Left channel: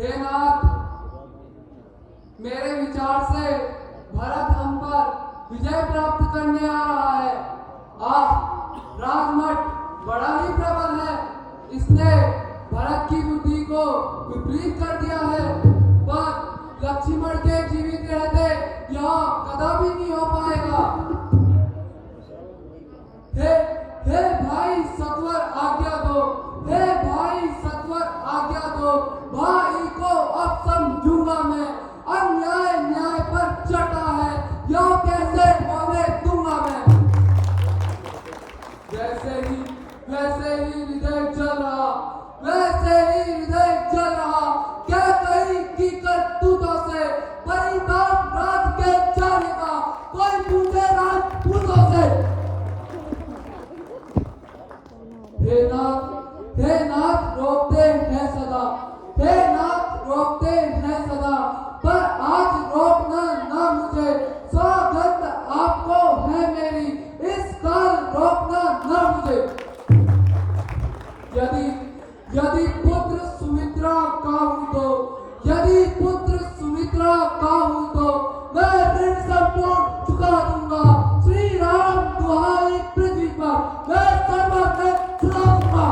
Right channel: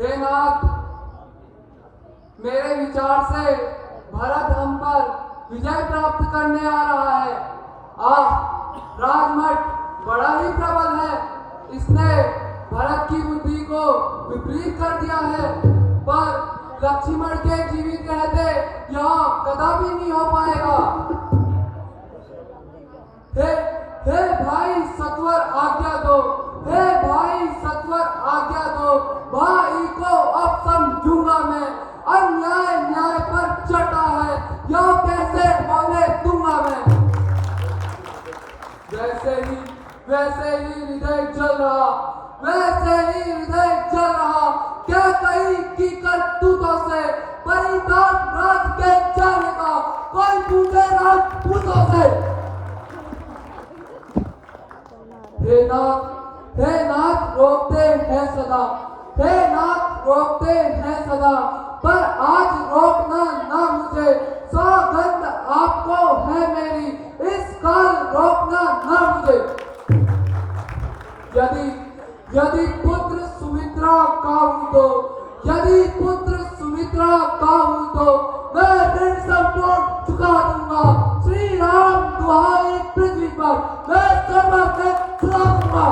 हे नाथ, मेरे विचार से भरत हम पर विजय प्राप्त करने आ रहा है। राजमट बड़ा ही प्रबल है। इसने भरत की बुद्धि को विपरीत कर दिया है, पर लक्ष्मण के जीवित रहते यह कदापि नहीं हो पाएगा। हे हे भाई सत्वर आज्ञा दो, हे भाई सत्वर आज्ञा दो। भाई को अब समझूंगा मैं, अन्याय न्याय पर चढ़ा है, यह कैसे होने दूंगा मैं। वैसे ही हृदय जल रहा, वैसे ही हृदय जल रहा। क्या कहीं की करतूतों से परिताप राज के जाने का, कोई पूछे राजपूतों से। हे नाथ रोकते हैं सदा, हे नाथ रोकते हैं सदा, पर आज रोकना ना मुझे, सौगंध आपको है मेरी, इस काल रोकना ना मुझे। यदि पुत्र सुमित्रा का हूं तो, यदि पुत्र सुमित्रा का हूं तो मैं ऋण संपूर्ण चुका दूंगा। श्री राम दुहाई पृथ्वी पर मैं सर्वज्ञ चुका दूंगा।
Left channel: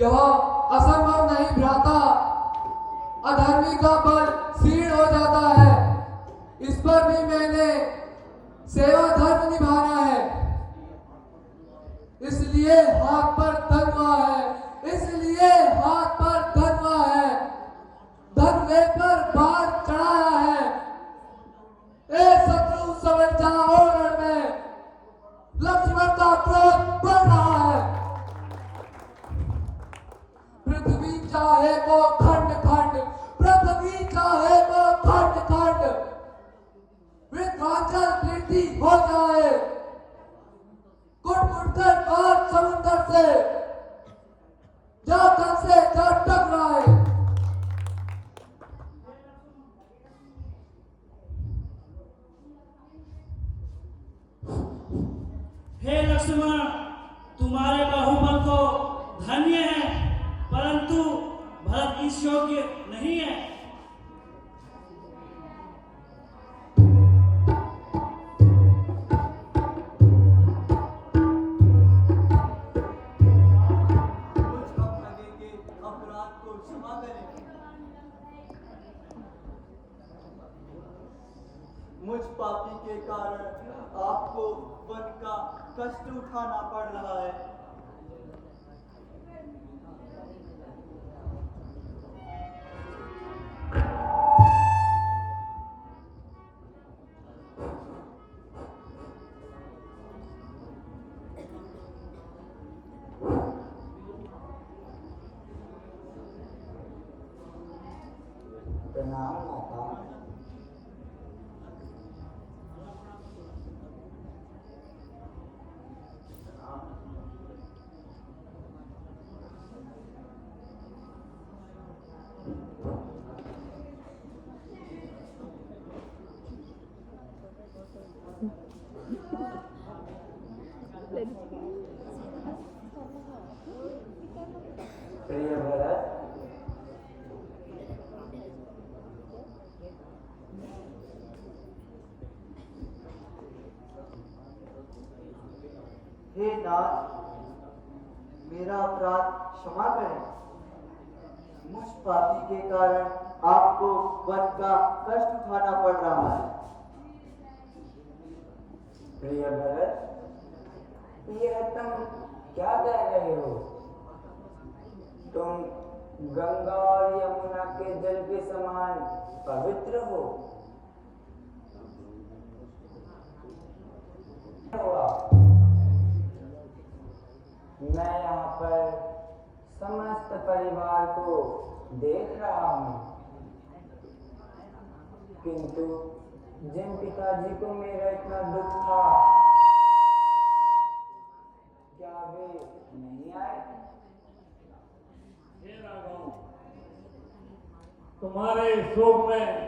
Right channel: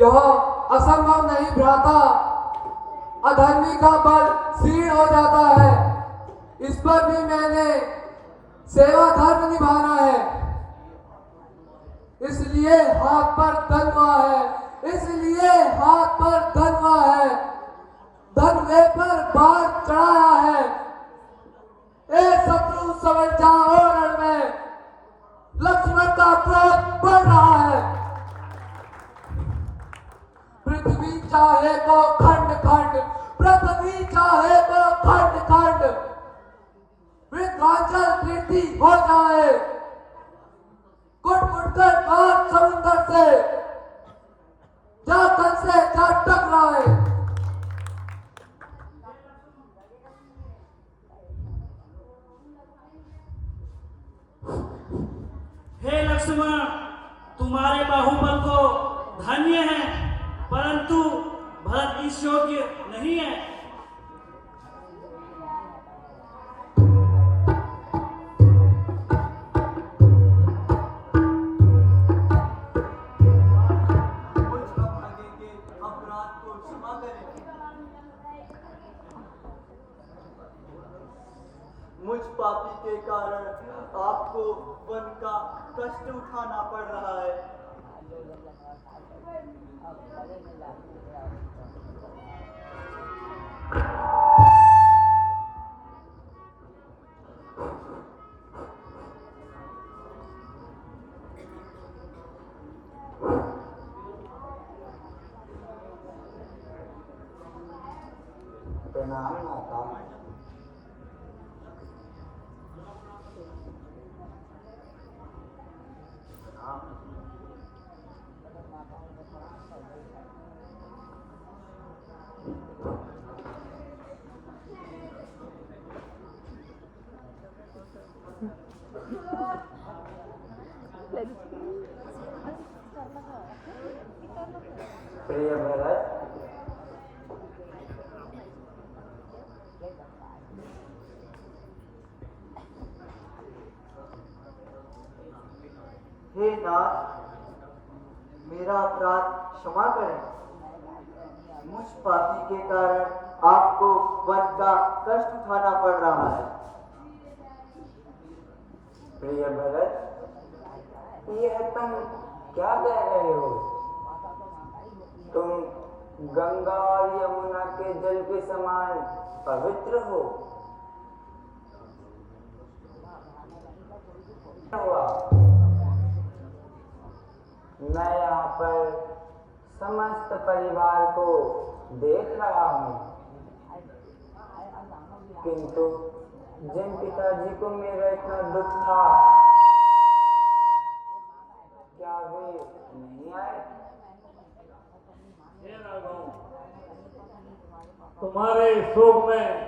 यह असंभव नहीं भ्राता, अधर्मी का बल क्षीण हो जाता है। इस पर भी मैंने सेवा धर्म निभाना है, इसलिए हाथ पर धनवा है, इसलिए हाथ पर धनवा है, धनवे पर बाण चढ़ाया है। ए शत्रु समझ जाओ रण में, लक्ष्मण का क्रोध बढ़ रहा है। पृथ्वी चाहे को खंड खंड, पृथ्वी चाहे को खंड खंड, वृद्धांचल पृथ्वी हो जाए, कुट कुट कर और समुद्र से जा तन से जा टकराए। लक्ष्मण, तुम्हारे बाहुबल को धन्य है, परंतु भरत इस योग्य नहीं है। मुझ अभागे के अपराध को क्षमा करें। मुझ पापी के कारण आपको वन का कष्ट उठाना पड़ रहा है। प्रणाम माता। प्रिय भरत, हे नाथ, मेरा अपराध क्षमा करें। मुझ पापी के कारण आपको वन का कष्ट उठाना पड़ रहा है। प्रिय भरत, यह तुम क्या कह रहे हो? तुम गंगा और यमुना के जल के समान पवित्र हो। हुआ मैं यहाँ पर समस्त परिवार को देख रहा हूँ, किंतु जिन पिताजी को मेरा इतना दुख था, क्या वे नहीं आए? हे राघव, तुम्हारे शोक में